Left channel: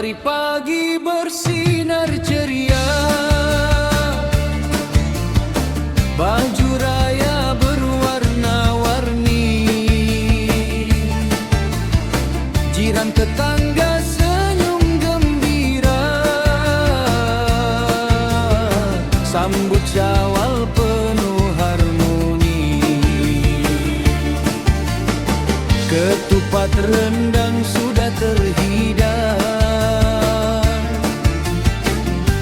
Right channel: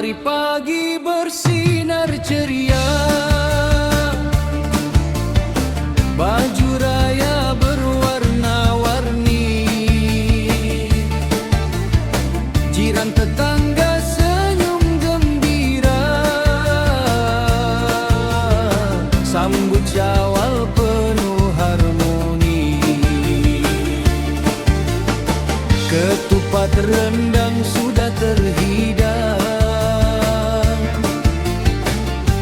Matahari pagi bersinar ceria, baju raya berwarna-warni, jiran tetangga senyum gembira, sambut Syawal penuh harmoni. Ketupat rendang sudah terhidang,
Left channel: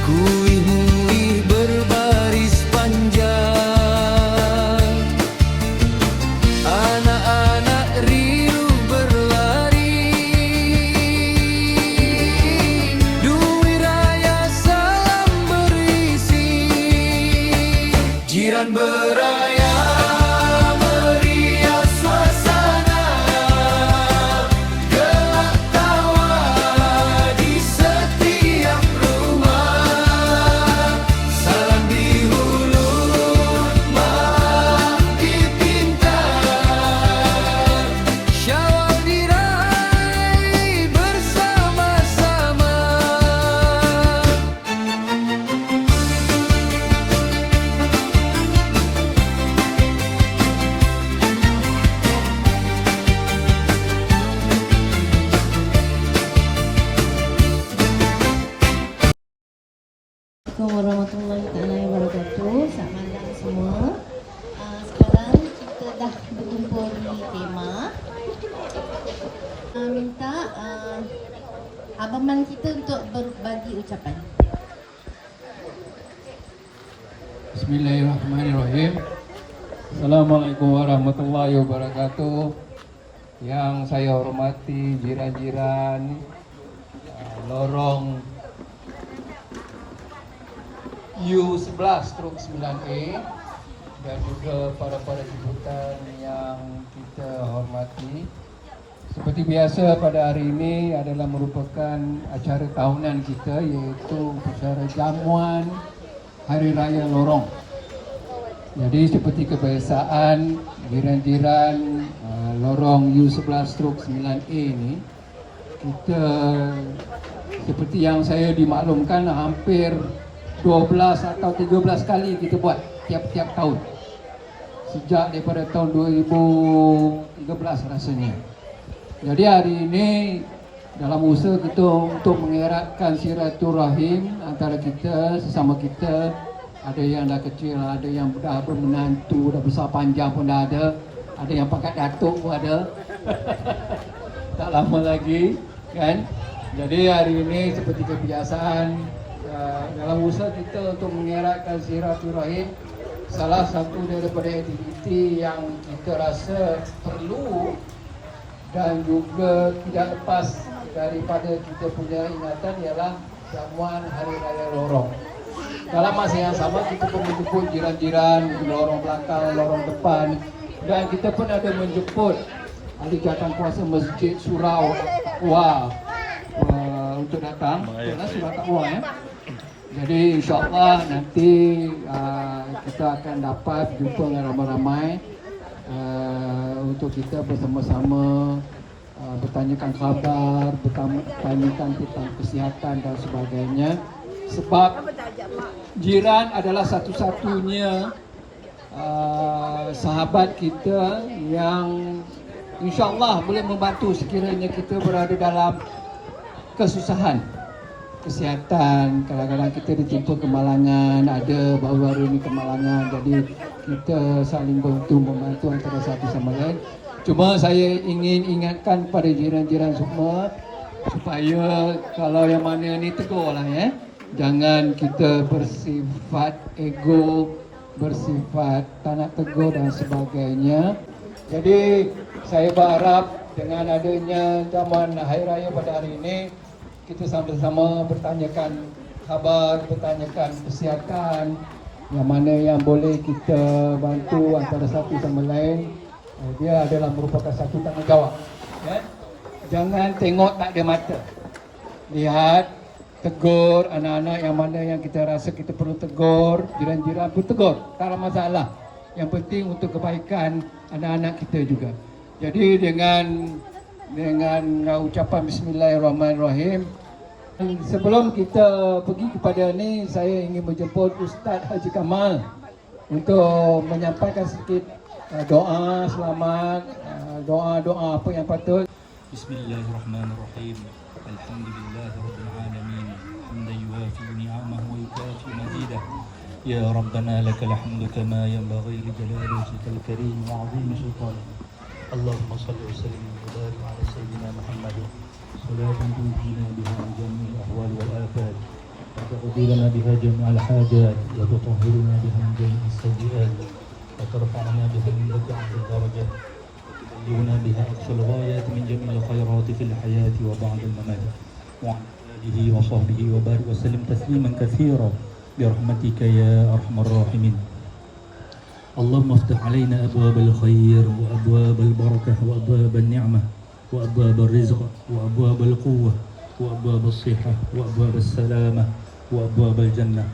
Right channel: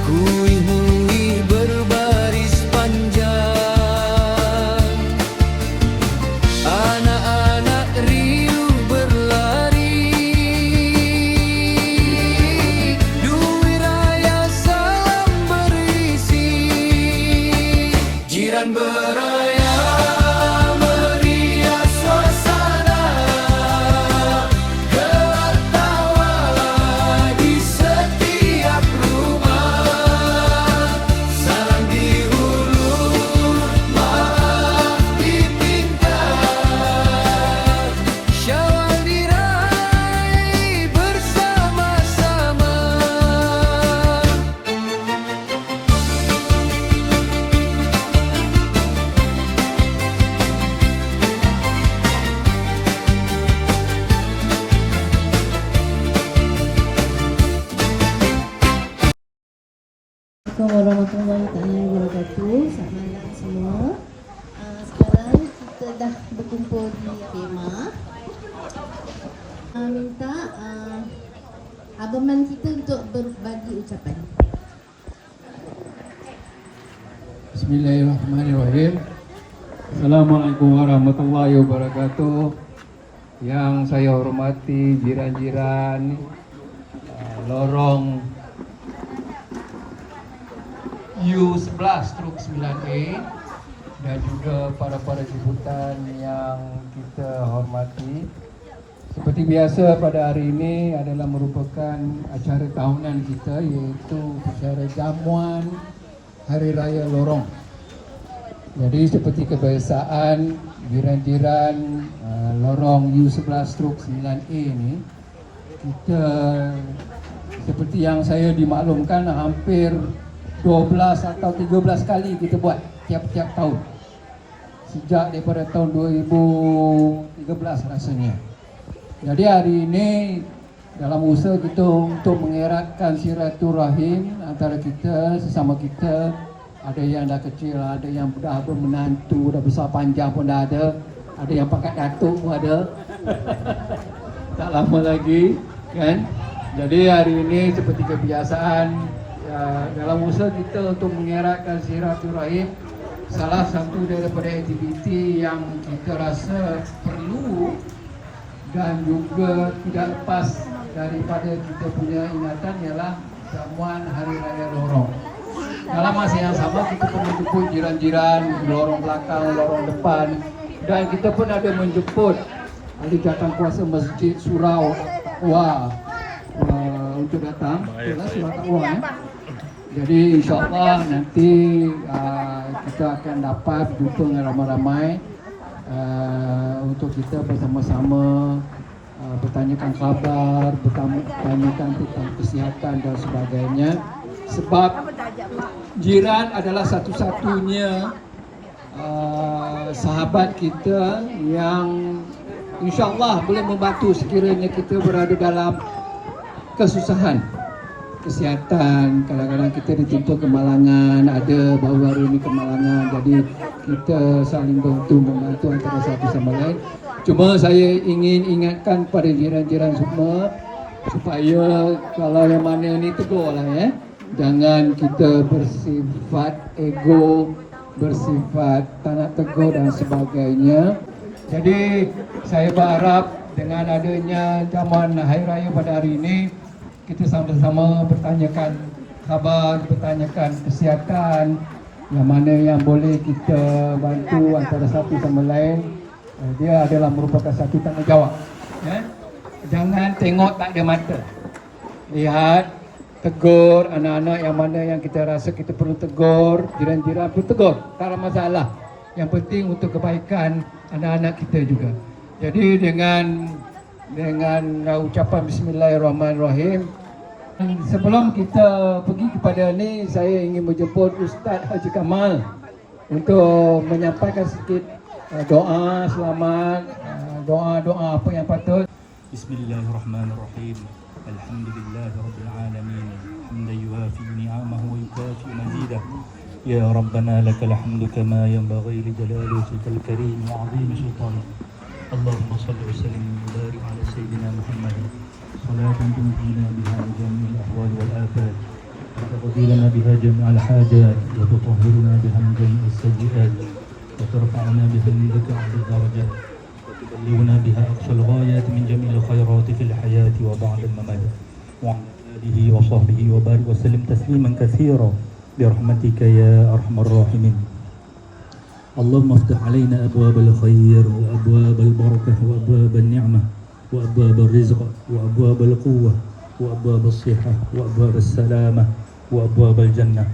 kuih-muih berbaris panjang, anak-anak riuh berlari, duit raya salam berisi, jiran beraya meriah suasana, gelak tawa di setiap rumah, salam di hulu, maaf dipinta, Syawal diraih bersama-sama. Assalamualaikum warahmatullahi taala wabarakatuh. Selamat malam semua. Sekarang kita dah berkumpul di tema. Minta Abang Man kita untuk berbagi ucapan. Bismillahirrahmanirrahim. Assalamualaikum warahmatullahi wabarakatuh. Yang saya hormati jiran-jiran lorong U11/9A dan juga para jemputan yang kita hormati. Seperti biasa pada hari ini adalah merupakan acara tahunan kita, iaitu acara jamuan Hari Raya Lorong. Jadi seperti kebiasaan jiran-jiran lorong U11/9A ini, kita seperti yang saya dimaklumkan hampir 12 atau 13 kali kita buat tiap-tiap tahun sejak daripada tahun 2013 rasanya. Jadi hari ini dalam usaha kita untuk mengeratkan silaturahim antara kita sesama kita, ada yang dah kecil, ada yang dah bermenantu, dah besar panjang pun dah ada yang pakai datuk pun ada tak lama lagi kan. Jadi hari ini seperti kebiasaan dalam usaha kita untuk mengeratkan silaturahim, salah satu daripada aktiviti yang kita rasa perlu dan juga tidak lepas daripada kita punya ingatan ialah jamuan Hari Raya Lorong. Dalam masa yang sama kita pun menjemput jiran-jiran, lorong belakang, lorong depan, dan kita pun ada menjemput ahli jawatankuasa Masjid Surau Wah untuk datang. Itulah surau takwa Jadi insyaAllah nanti kita akan dapat jumpa dengan ramai-ramai untuk kita bersama-sama bertanyakan khabar, bertanyakan tentang kesihatan dan sebagainya. Sebab jiran adalah satu-satunya sahabat kita yang insyaAllah boleh membantu sekiranya kita berada dalam kesusahan kesihatan. Kadang-kadang kita ditimpa kemalangan, ada baru-baru ini kemalangan, jadi kita saling membantu antara satu sama lain. Cuma saya ingin ingatkan kepada jiran-jiran semua supaya kalau yang mana ni tegur lah ya, jangan kita bersifat ego, bersifat tak nak tegur dan sebagainya. Jadi saya berharap dengan adanya jamuan Hari Raya pada hari ini, kita sama-sama bertanyakan khabar, bertanyakan kesihatan, yang mana yang boleh kita bantu antara satu sama lain. Dia adalah merupakan satu tanggungjawab. Ya? Jangan tengok tak ada mata. Lihat, tegur anak-anak yang mana yang kita rasa kita perlu tegur, jiran-jiran pun tegur, tak ada masalah. Yang penting untuk kebaikan anak-anak kita juga. Jadi dengan ucapan Bismillahirrahmanirrahim, Sebelum kita pergi kepada ni, saya ingin menjemput Ustaz Haji Kamal untuk menyampaikan sedikit doa selamat, doa-doa apa yang patut. Bismillahirrahmanirrahim. Alhamdulillahirabbil alamin. Hamdan yuwafi ni'amahu wa yukafi mazidah. Ya Rabbana lakal hamdu kama yanbaghi li jalali wajhikal karim wa 'azimi sultanik. Allahumma shalli wa sallim wa barik ala sayyidina Muhammad. Salatan tunjina biha jami'al ahwal wal afat. وتقضينا بها جميع الحاجات وتطهرنا بها من جميع السيئات وترفعنا بها عندك عند الدرجات وتبلغنا بها أقصى الغايات من جميع الخيرات في الحياة وبعد الممات وعلى آله وصحبه وبارك وسلم تسليما كثيرا برحمتك يا أرحم الراحمين. اللهم افتح علينا أبواب الخير وأبواب البركة وأبواب النعمة وأبواب الرزق وأبواب القوة وأبواب الصحة وأبواب السلامة وأبواب الجنة.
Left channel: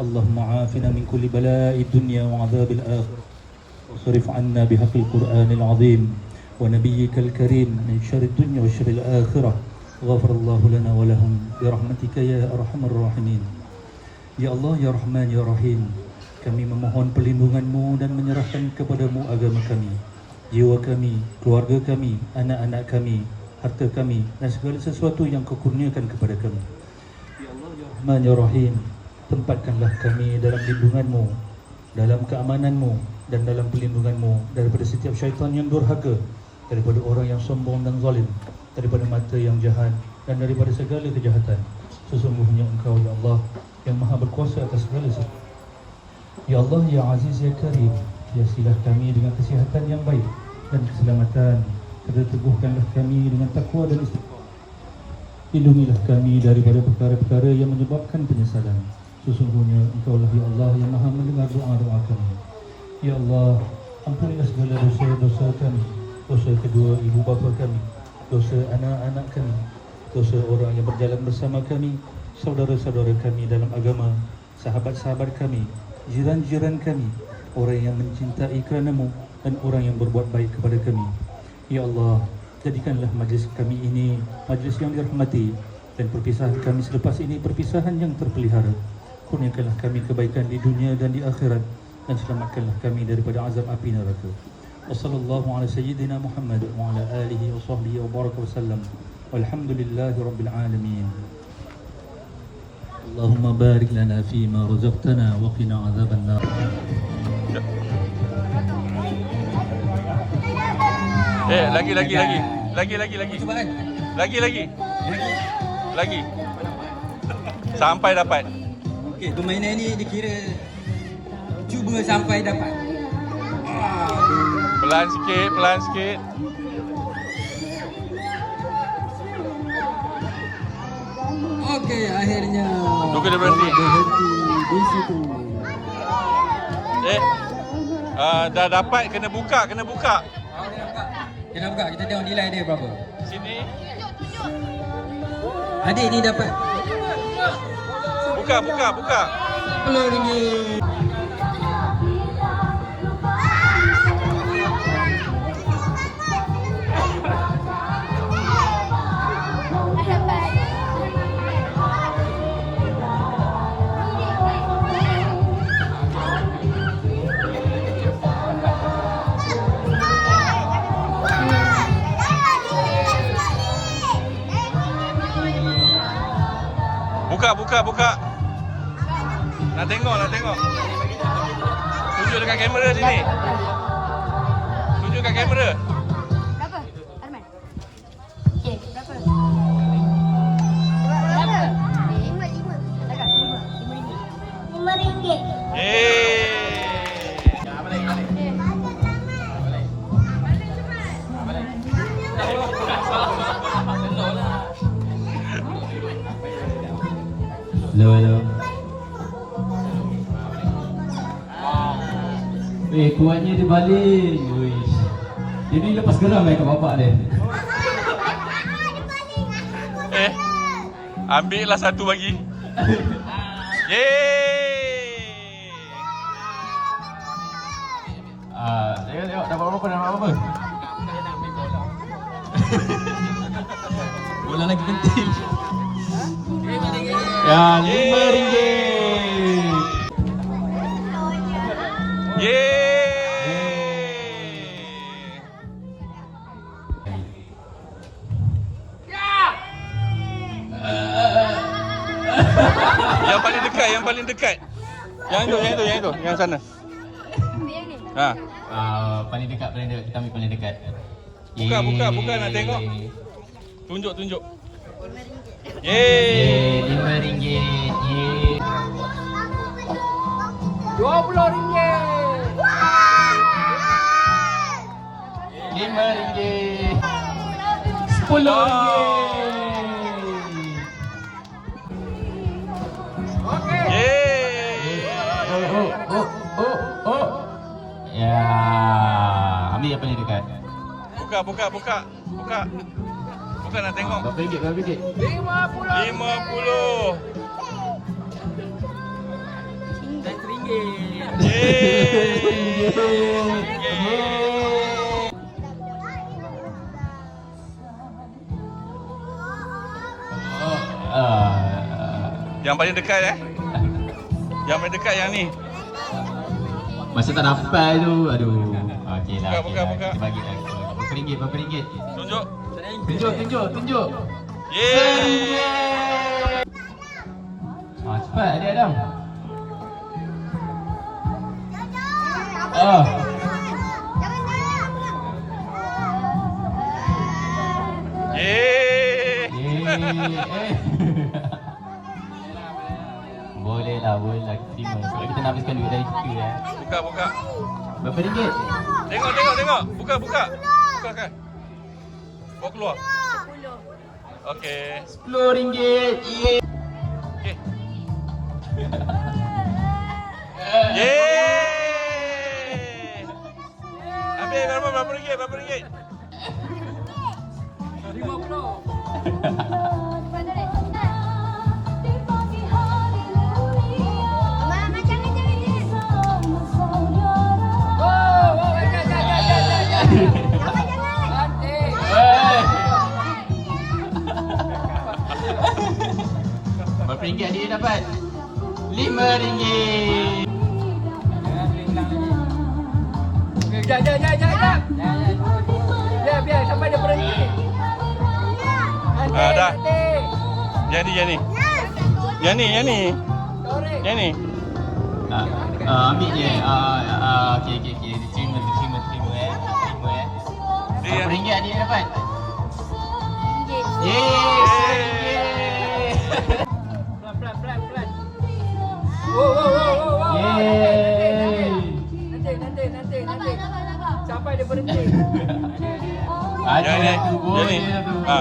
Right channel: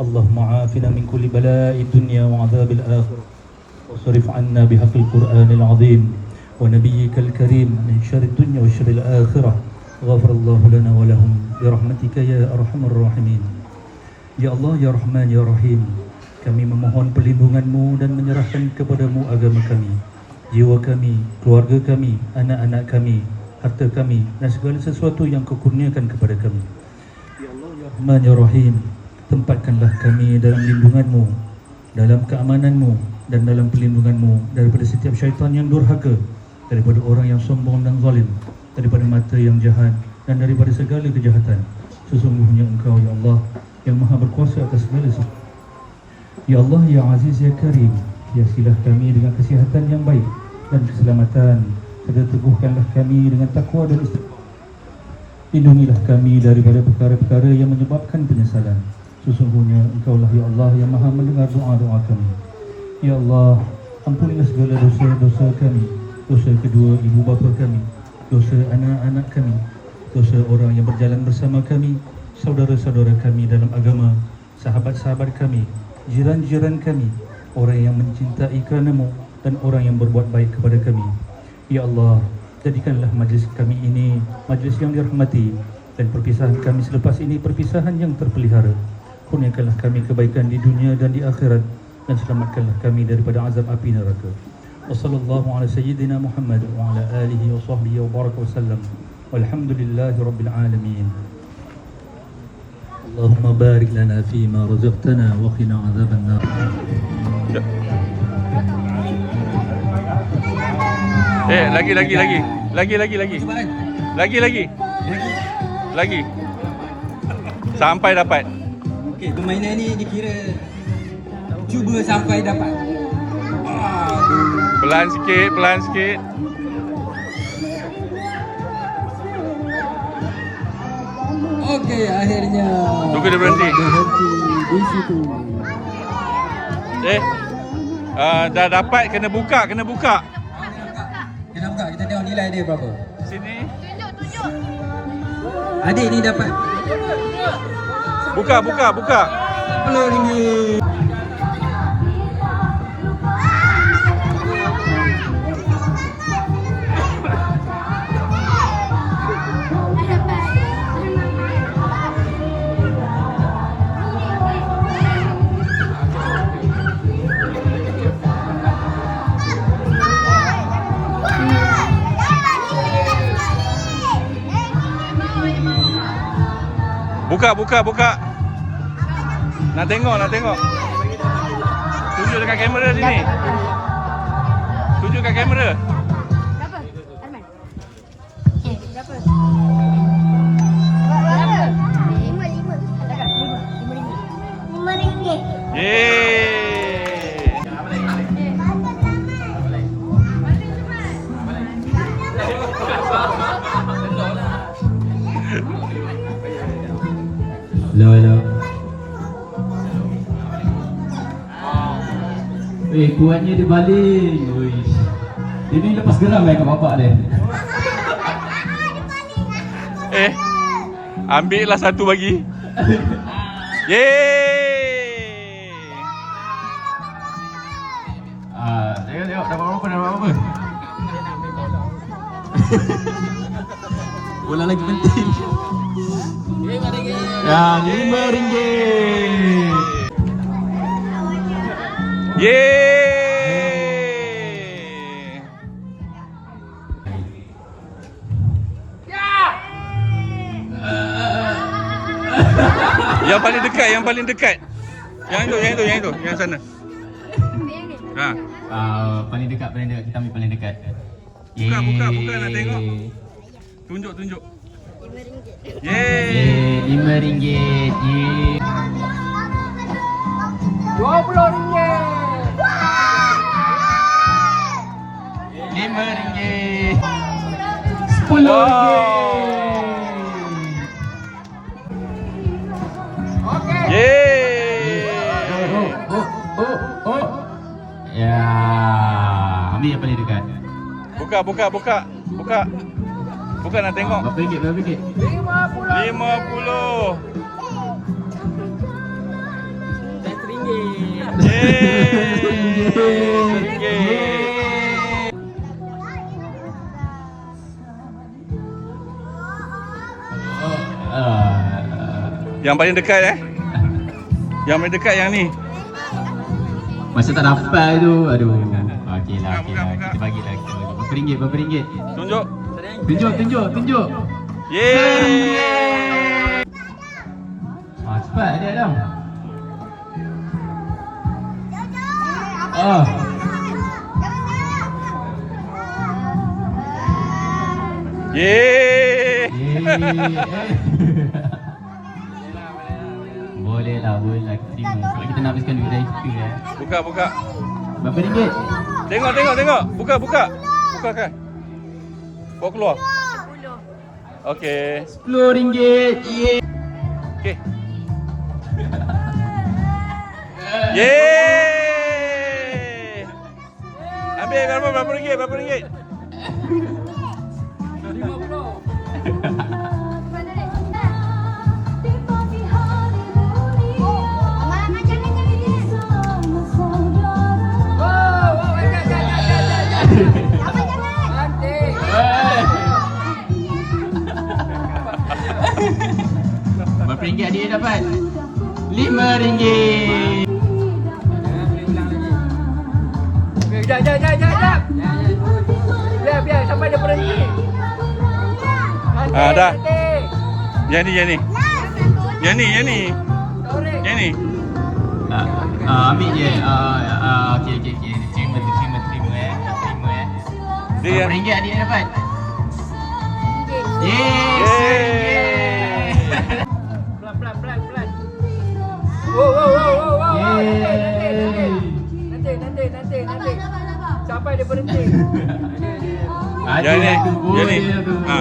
اللهم عافنا من كل بلاء الدنيا وعذاب الآخرة واصرف عنا بحق القرآن العظيم ونبيك الكريم من شر الدنيا وشر الآخرة. غفر الله لنا ولهم برحمتك يا أرحم الراحمين. Ya Allah, Ya Rahman, Ya Rahim, kami memohon perlindungan-Mu dan menyerahkan kepada-Mu agama kami, jiwa kami, keluarga kami, anak-anak kami, harta kami dan segala sesuatu yang Kau kurniakan kepada kami. Ya Allah, Ya Rahman, Ya Rahim, tempatkanlah kami dalam lindungan-Mu, dalam keamanan-Mu dan dalam perlindungan-Mu daripada setiap syaitan yang durhaka, daripada orang yang sombong dan zalim, daripada mata yang jahat dan daripada segala kejahatan. Sesungguhnya Engkau, Ya Allah, yang maha berkuasa atas segala sesuatu. Ya Allah, Ya Aziz, Ya Karim, hiasilah kami dengan kesihatan yang baik dan keselamatan. Teguhkanlah kami dengan takwa dan istiqamah. Lindungilah kami daripada perkara-perkara yang menyebabkan penyesalan. Sesungguhnya Engkaulah, Ya Allah, yang maha mendengar doa-doa kami. Ya Allah, ampunilah segala dosa-dosa kami, dosa kedua ibu bapa kami, dosa anak-anak kami, dosa orang yang berjalan bersama kami, saudara-saudara kami dalam agama, sahabat-sahabat kami, jiran-jiran kami, orang yang mencintai kerana-Mu dan orang yang berbuat baik kepada kami. Ya Allah, jadikanlah majlis kami ini majlis yang dirahmati dan perpisahan kami selepas ini perpisahan yang terpelihara. Kurniakanlah kami kebaikan di dunia dan di akhirat dan selamatkanlah kami daripada azab api neraka. Wassallallahu ala sayyidina Muhammad wa ala alihi wa sahbihi wa baraka wa sallam. Walhamdulillahi rabbil alamin. Allahumma barik lana fima razaqtana wa qina azaban nar. Lagi. Sampai dapat. Okey, permainan ni dikira cuba sampai dapat. Pelan sikit. Okey, akhirnya Tunggu dia berhenti. Berhenti di situ. Dah dapat, kena buka. Kita buka, kita tengok nilai dia berapa. Sini. Adik ni dapat Buka. RM10. Buka. Nak tengok. Tunjuk dekat kamera sini. Tunjuk kat kamera. Berapa? Arman? Okey, berapa? Berapa? 5. Dekat 5 ringgit. Yeay. Hello. Kuatnya dia baling. Uish. Dia ni lepas geram kat bapak dia. Ambillah satu bagi. Yeay. Tengok dapat apa? Bola lagi penting. Ya, RM5. Yeay. Yang paling dekat, yang paling dekat. Yang sana. Ha. Paling dekat, kita ambil paling dekat. Buka nak tengok. Tunjuk. Yeay. RM5. Yeay. RM5. Yeay. Ya, ambil yang paling dekat. Buka. Buka nak tengok. Berapa ringgit? 50. RM1. Yeay. RM1. Yang paling dekat Yang paling dekat yang ni. Masa tak dapat tu, aduh. Okeylah. Buka. Kita bagi lagi. Berapa ringgit? Tunjuk. Tunjuk. Yeay. Cepat dia Adam. Yeay. Boleh lah kita terima. Sebab kita nak habiskan duit dari situ ya. Buka. Berapa ringgit? Tengok. Buka kan. Bawa keluar. Okey. RM10. Yeay. Okey. Yeay. Ambil berapa ringgit? Berapa ringgit dia dapat? RM5. Biar sampai dia berhenti. Dah. Yang ni. Ambil je. Okey. Terima Dia Berapa ringgit dia dapat? Yeay. Pelan. Wow. Yeay. Nanti. Sampai dia berhenti. Yang ni. Boleh Yang ni. tu. Ha.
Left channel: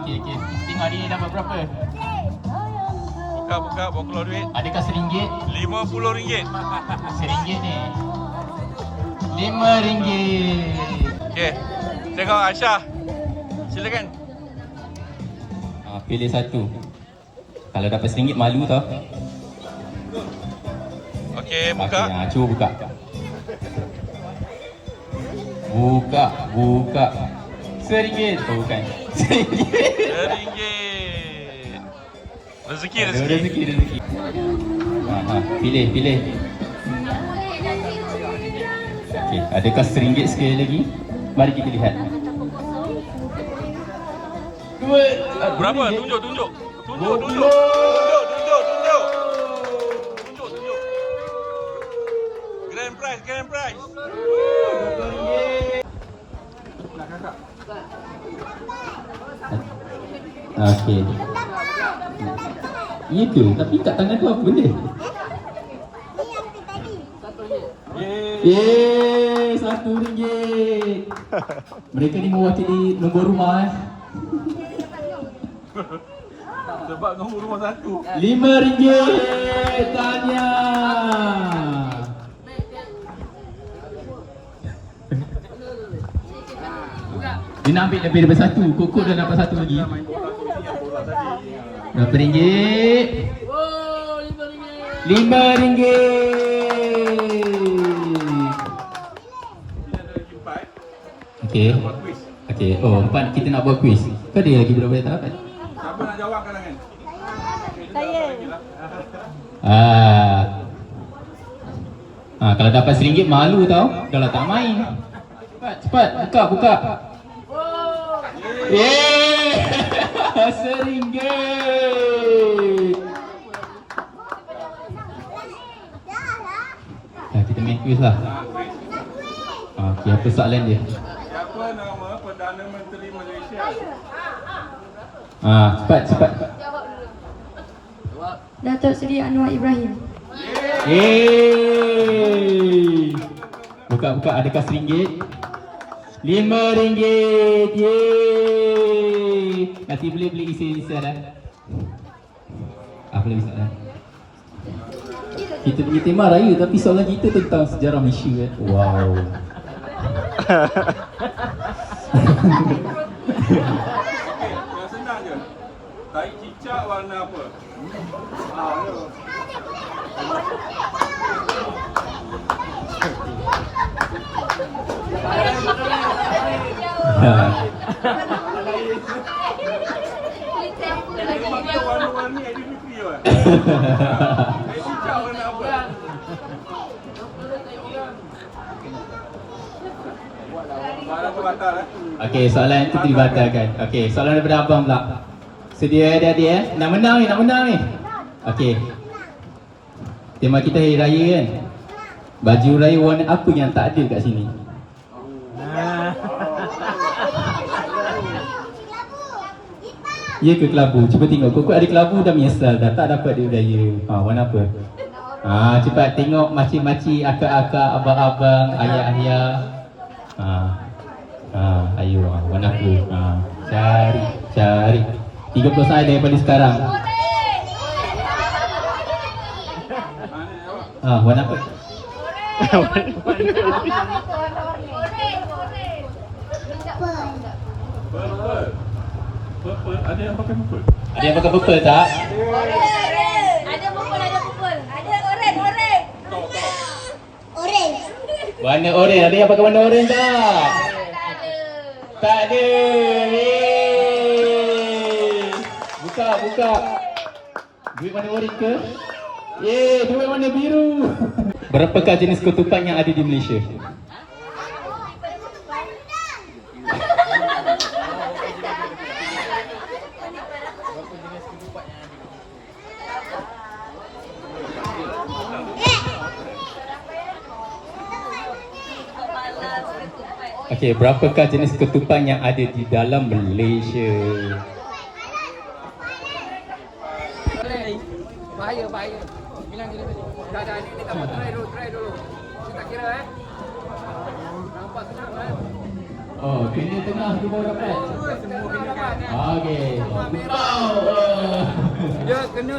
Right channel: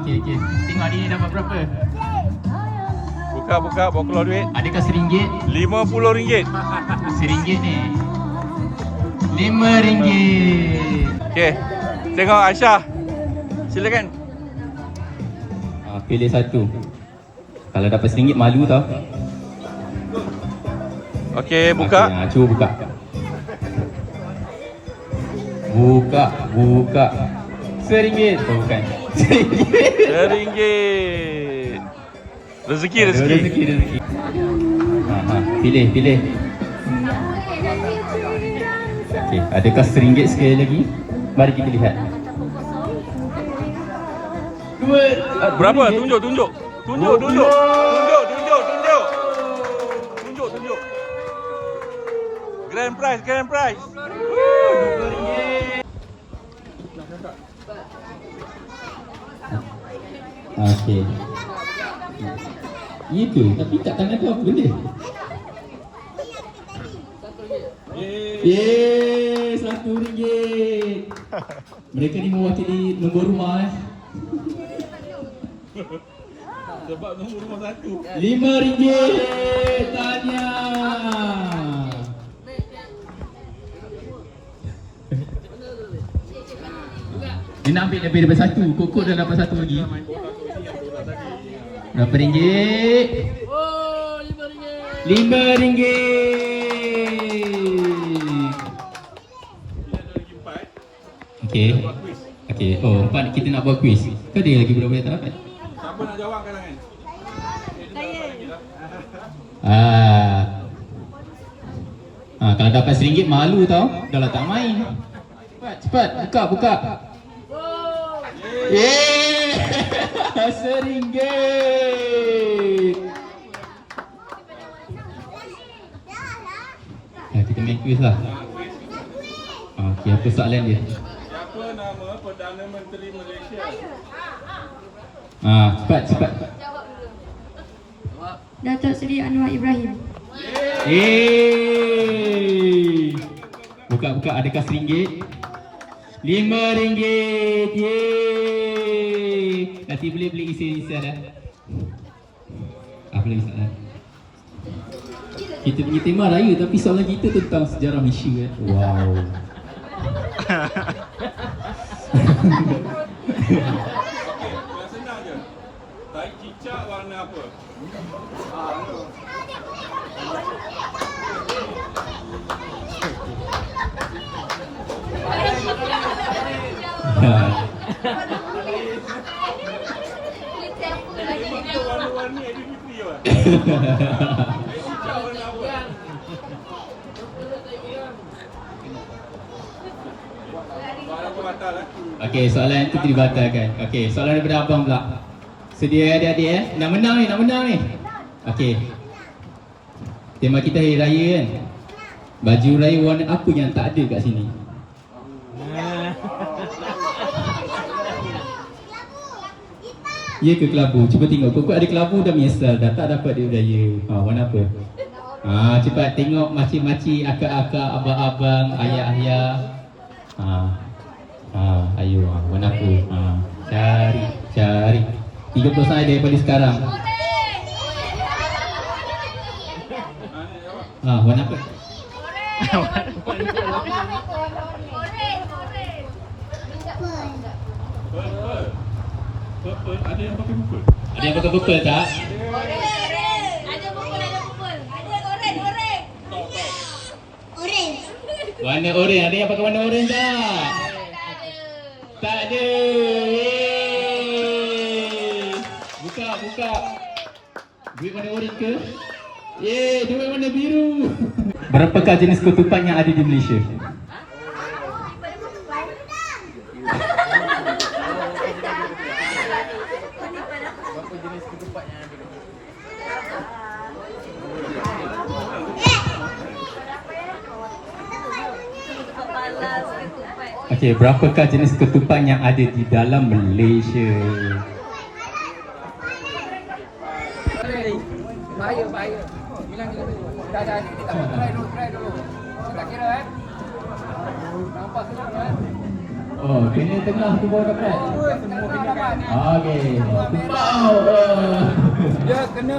Okey. Tengok dia dapat berapa? Buka, bawa keluar duit. Adakah RM1? RM50. RM1 ni. RM5. Okey. Tengok Aisyah. Silakan. Pilih satu. Kalau dapat RM1 malu tau. Okey, buka. Okey, cuba buka. Buka. RM1. Oh, bukan. RM1. RM1. Rezeki. Rezeki. Pilih. Okey, adakah RM1 sekali lagi? Mari kita lihat. Berapa? Tunjuk. Grand prize. Okey. Itu, tapi kat tangan tu apa benda? RM1. Mereka ni mewakili nombor rumah Sebab nombor rumah satu. RM5. Tanya. Dia nak ambil lebih daripada satu. Kokok dah dapat satu lagi. Berapa ringgit? RM5. Okey. Oh, empat kita nak buat kuis. Kau ada lagi berapa yang tak dapat? Siapa nak jawab kalangan? Kalau dapat RM1 malu tau. Kalau tak main. Cepat, buka. Yeay! RM1. Kita main quiz lah. Okey, apa soalan dia? Siapa nama Perdana Menteri Malaysia? Cepat. Datuk Seri Anwar Ibrahim. Yeay! Buka, adakah RM1? RM5. Yeay! Nanti boleh beli isi dah. Apa lagi soalan? Kita punya tema raya tapi soalan kita tentang sejarah Malaysia kan? Wow. Yang senang je. Tai cicak warna apa? Pakai warna-warni aktiviti je. Tai cicak warna apa? Soalan tu batal Okey, soalan itu dibatalkan. Okey, soalan daripada abang pula. Sedia adik-adik Nak menang ni. Okey. Tema kita hari raya kan. Baju raya warna apa yang tak ada kat sini? Ya ke kelabu? Cuba tengok. Kok ada kelabu dah menyesal dah tak dapat duit raya. Warna apa? Cepat tengok makcik-makcik, akak-akak, abang-abang, ayah-ayah. Ayo, warna apa? Cari. 30 saat daripada sekarang. Warna apa? Purple. Ada yang pakai purple? Ada yang pakai purple tak? Warna oren. Ada yang pakai warna oren tak? Tak ada. Buka. Duit warna oren ke? Duit warna biru. Berapakah jenis ketupat yang ada di Malaysia? Okey, berapakah jenis ketupat yang ada di dalam Malaysia? Bahaya. Dah. Kita buat try dulu. Kita kira nampak senang kan? Kena tengah tu baru dapat. Semua kena dapat ni. Okey. Dia kena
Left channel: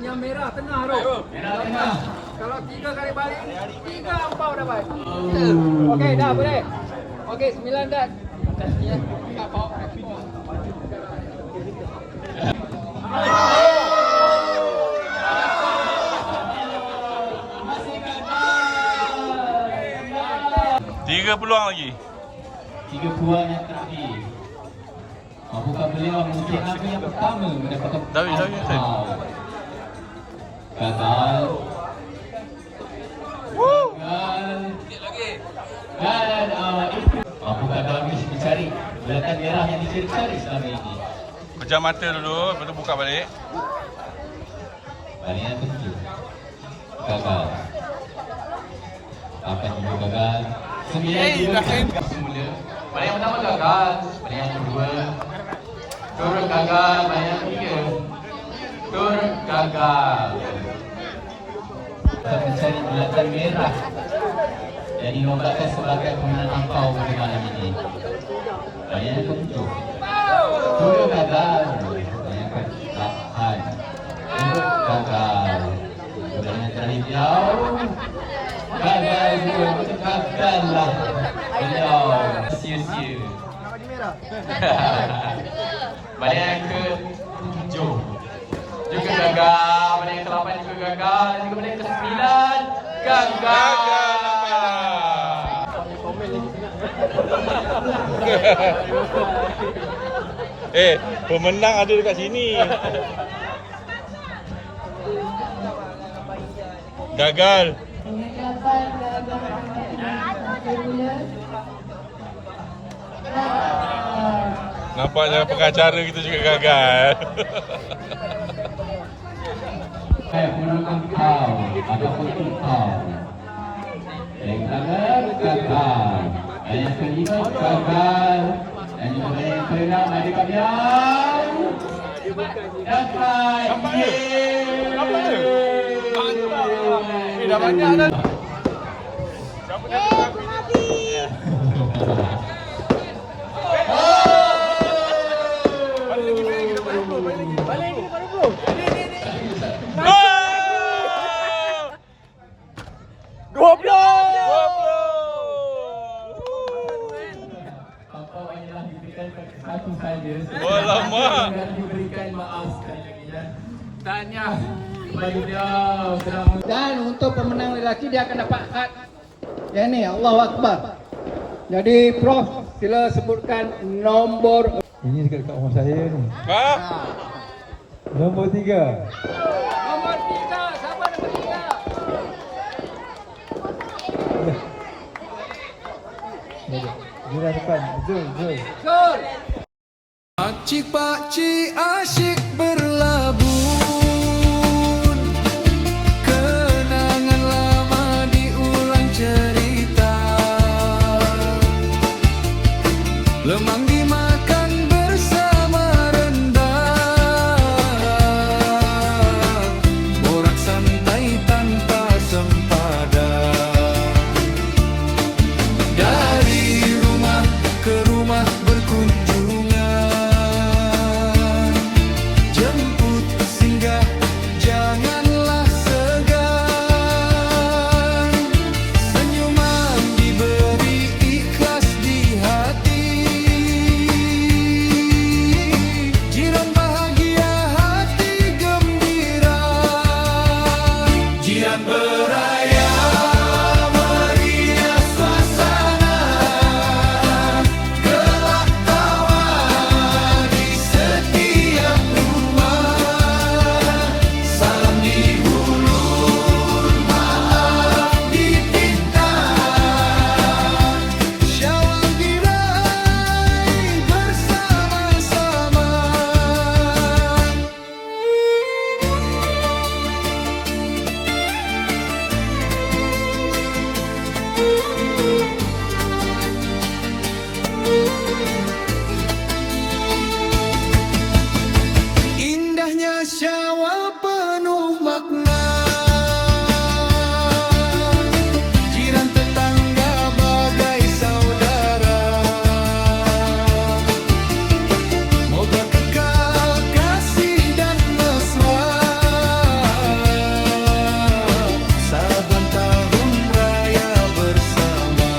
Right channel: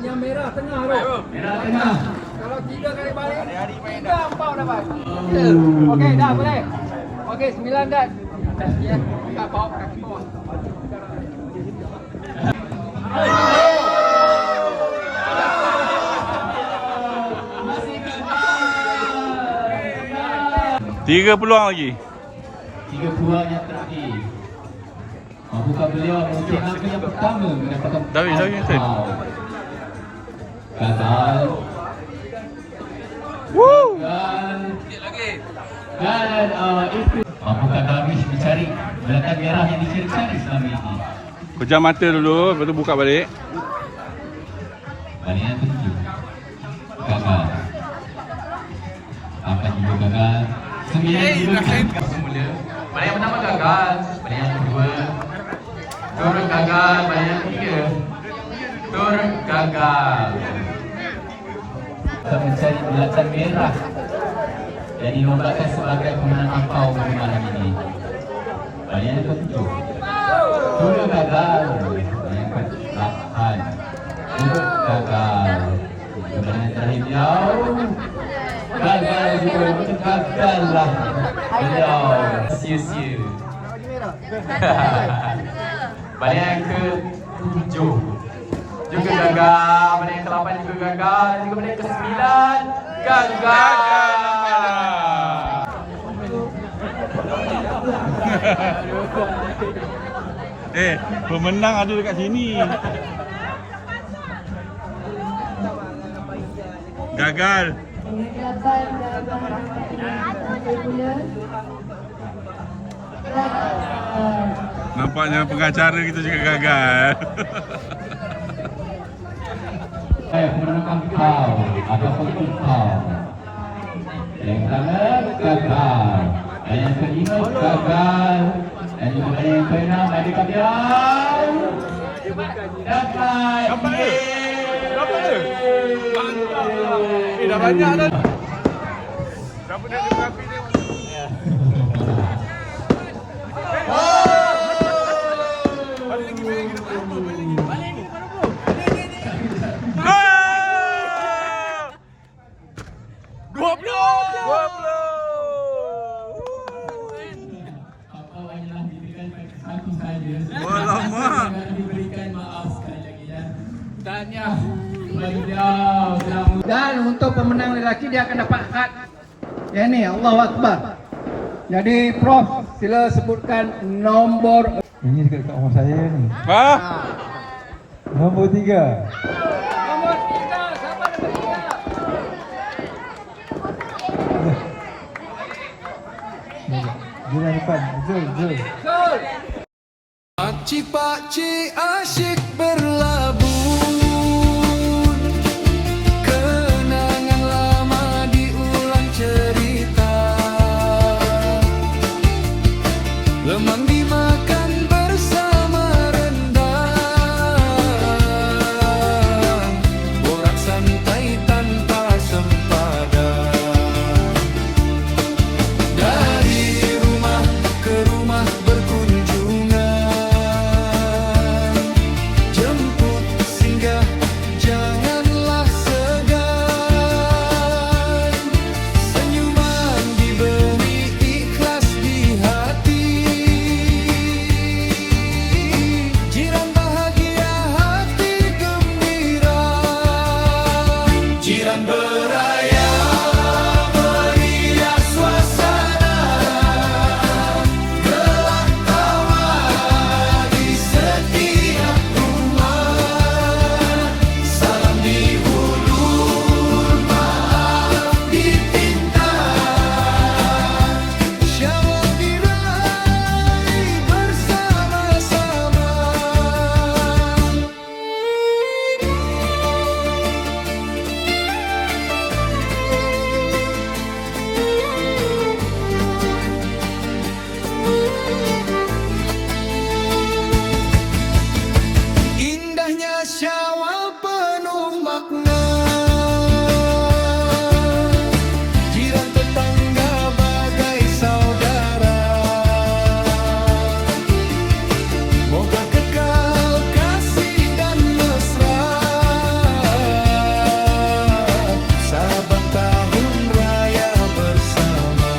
yang merah tengah tu. Merah tengah. Kalau 3 kali balik, 3 ampau dapat. Okey, dah boleh. Okey, 9 dah. Ya, tak bawa kaki. Tiga peluang lagi. 3 peluang yang terakhir. Bukan beliau mungkin apa yang pertama mendapatkan. David. Gagal. Woo! Dan itu bukan Darwish mencari belakang merah yang dicari-cari selama ini. Pejam mata dulu, lepas tu buka balik. Balik yang ketujuh. Gagal. Akan juga gagal. 9 juga semula. Balik yang pertama gagal. Balik yang kedua turut gagal. Balik yang ketiga turut gagal. Kita mencari belakang merah. Jadi nombakkan sebagai pemenang angpau pada malam ini. Balik yang ketujuh turut gagal. Balik yang ke-8 turut gagal. Balik yang terakhir jauh. Gagal lah beliau. Sia-sia. Balik yang ke-7 juga gagal. Balik yang ke-8 juga gagal. Juga balik yang ke-9 gagal. Pemenang ada dekat sini. Gagal. Nampaknya pengacara kita juga gagal. Menangkap kau ataupun kau. Yang pertama gagal. Yang kelima gagal. Dan yang keenam ada kabilang. Dapat. Dah banyak dah. Apa hanyalah diberikan satu saja. Alamak. Dan diberikan maaf sekali lagi ya. Tanya kepada dia Dan untuk pemenang lelaki dia akan dapat kad. Yang ni Allahu Akbar. Jadi Prof sila sebutkan nombor. Ini dekat rumah saya ni. Ha? Nombor 3. Dia dah depan. Betul. Pakcik-pakcik asyik berlabun, kenangan lama diulang cerita, lemang dimakan bersama rendang, borak santai tanpa sempadan. Dari rumah ke rumah berkunjungan, jemput singgah janganlah segan, senyuman diberi ikhlas di hati, jiran bahagia hati gembira, jiran beraya meriah suasana, gelak tawa di setiap rumah, salam dihulur, maaf dipinta, Syawal diraih bersama-sama. Indahnya Syawal penuh makna, jiran tetangga bagai saudara, moga kekal kasih dan mesra, saban tahun raya bersama.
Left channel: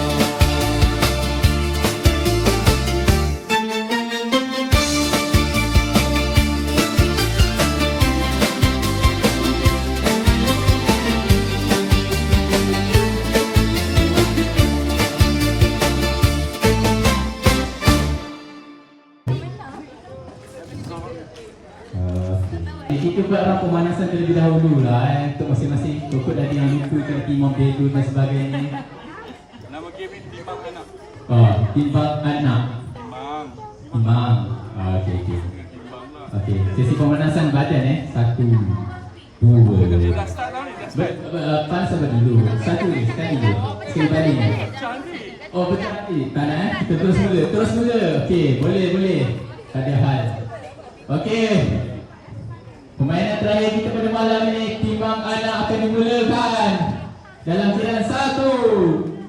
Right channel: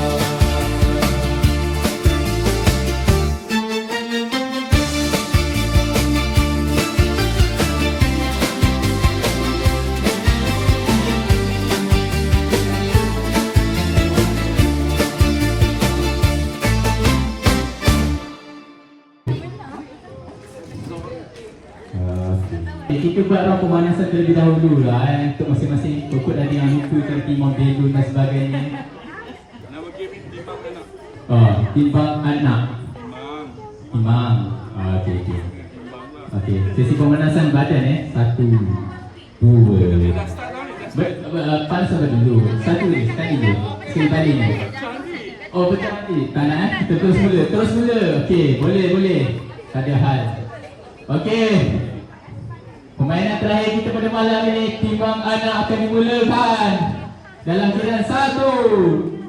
Kita buat orang pemanasan terlebih dahulu lah untuk masing-masing pokok tadi yang lupa ke timbang belon dan sebagainya. Nama game timbang anak. Oh, timbang anak. Timbang. Okey. Okey, sesi pemanasan badan 1, 2. Panas sampai dulu. 1 sekali je. Sekali balik ni. Oh, betul nanti. Tak nak kita terus mula. Okey, boleh. Tak ada hal. Okey. Permainan terakhir kita pada malam ini, timbang anak akan dimulakan dalam giliran 1,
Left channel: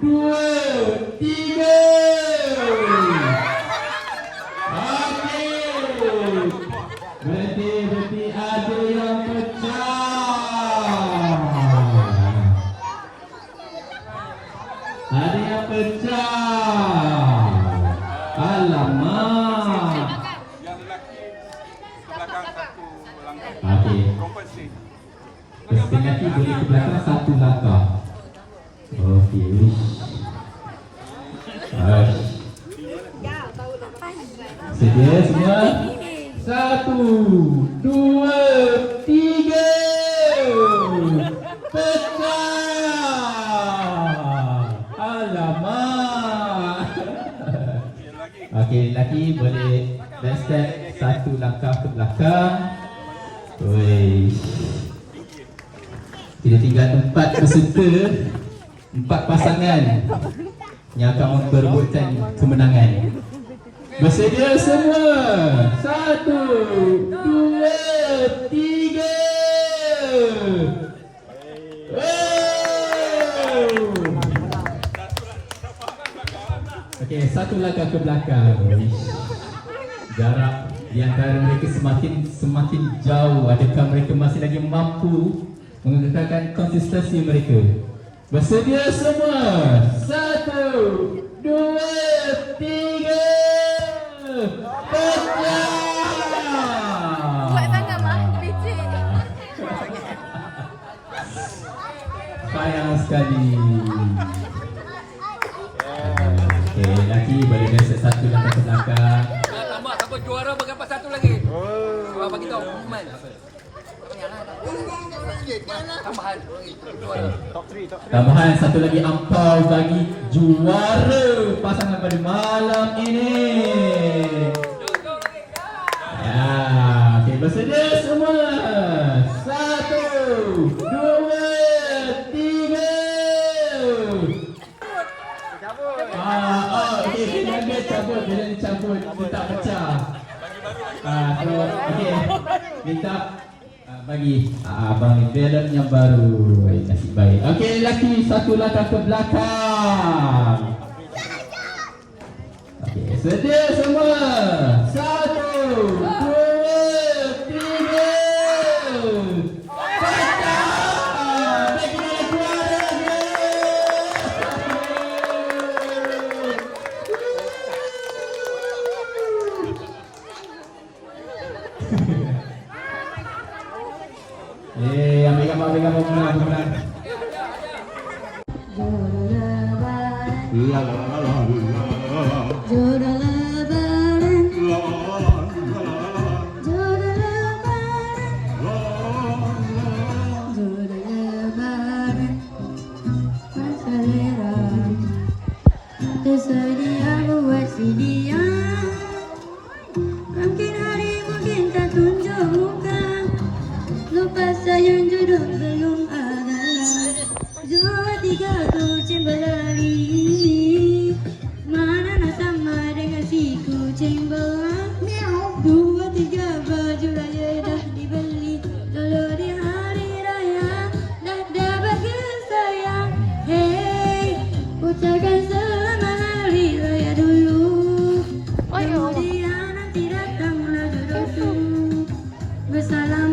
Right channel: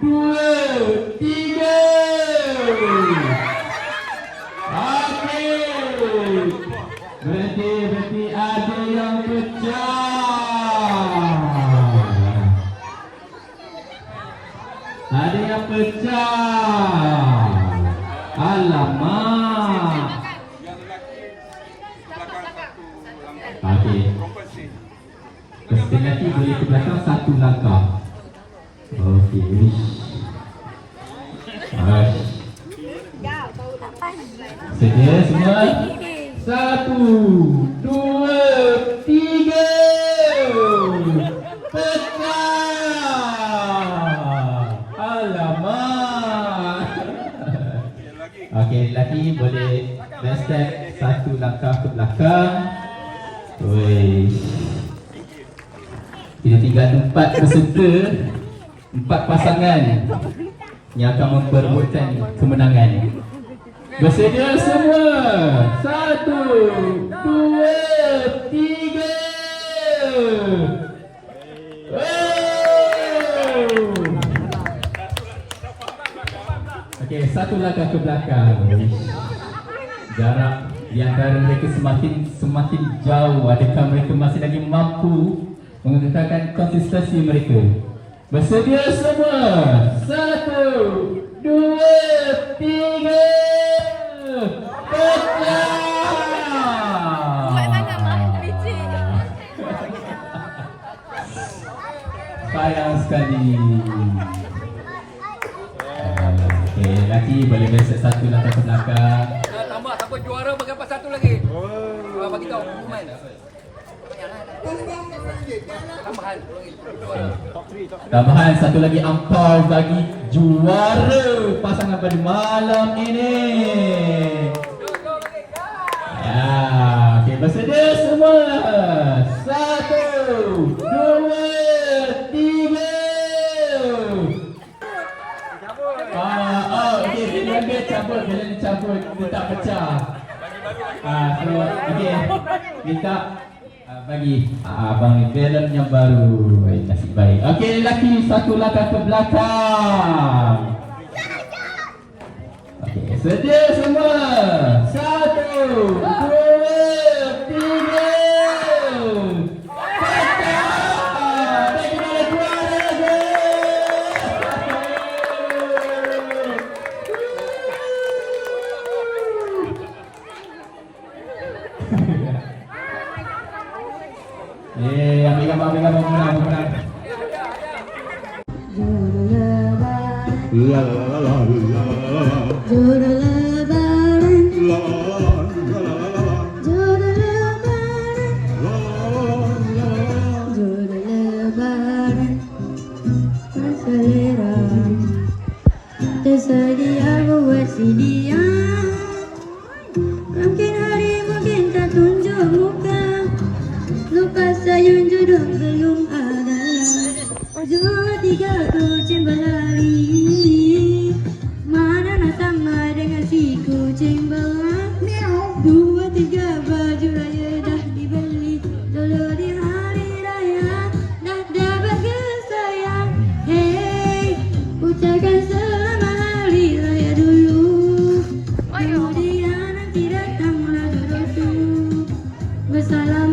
2, 3. Okey. Berhenti, ada yang pecah. Ada yang pecah. Alamak. Okey. Peserta lelaki boleh ke belakang 1 langkah. Okey. Sedia semua? 1, 2, 3. Pecah. belakang. Wih. Kita tinggal 4 peserta, 4 pasangan yang akan memperebutkan kemenangan. Bersedia semua? 1, 2, 3. Okey, satu langkah ke belakang. Jarak di antara mereka semakin jauh. Adakah mereka masih lagi mampu mengekalkan konsistensi mereka? Bersedia semua? 1, 2, 3. Sayang sekali. Okey, lelaki boleh biasa satu langkah ke belakang. Tambah siapa juara bagi apa satu lagi? Orang bagi tahu pengumuman. Tambahan juara. Tambahan satu lagi ampau bagi juara pasangan pada malam ini. Okey, bersedia semua? 1, 2, 3. Okey, bila cabut, minta pecah. Okey, minta bagi abang galon yang baru. Nasib baik. Okey, lelaki satu langkah ke belakang. Okey, sedia semua? 1, 2, 3. Jodoh lebaran, jodoh lebaran, jodoh lebaran, berselera. Tersedia buat sedia. Mungkin hari mungkin tak tunjuk muka. Lupa sayang jodoh belum ada. 2, 3 kucing berlari. Mana nak sama dengan si kucing belang. 2, 3 baju raya dah dibeli. Dulu di hari raya dah dapat kesayang. Hey, ucapkan selamat hari raya dulu. Kemudian nanti datanglah jodoh tu. Bersalam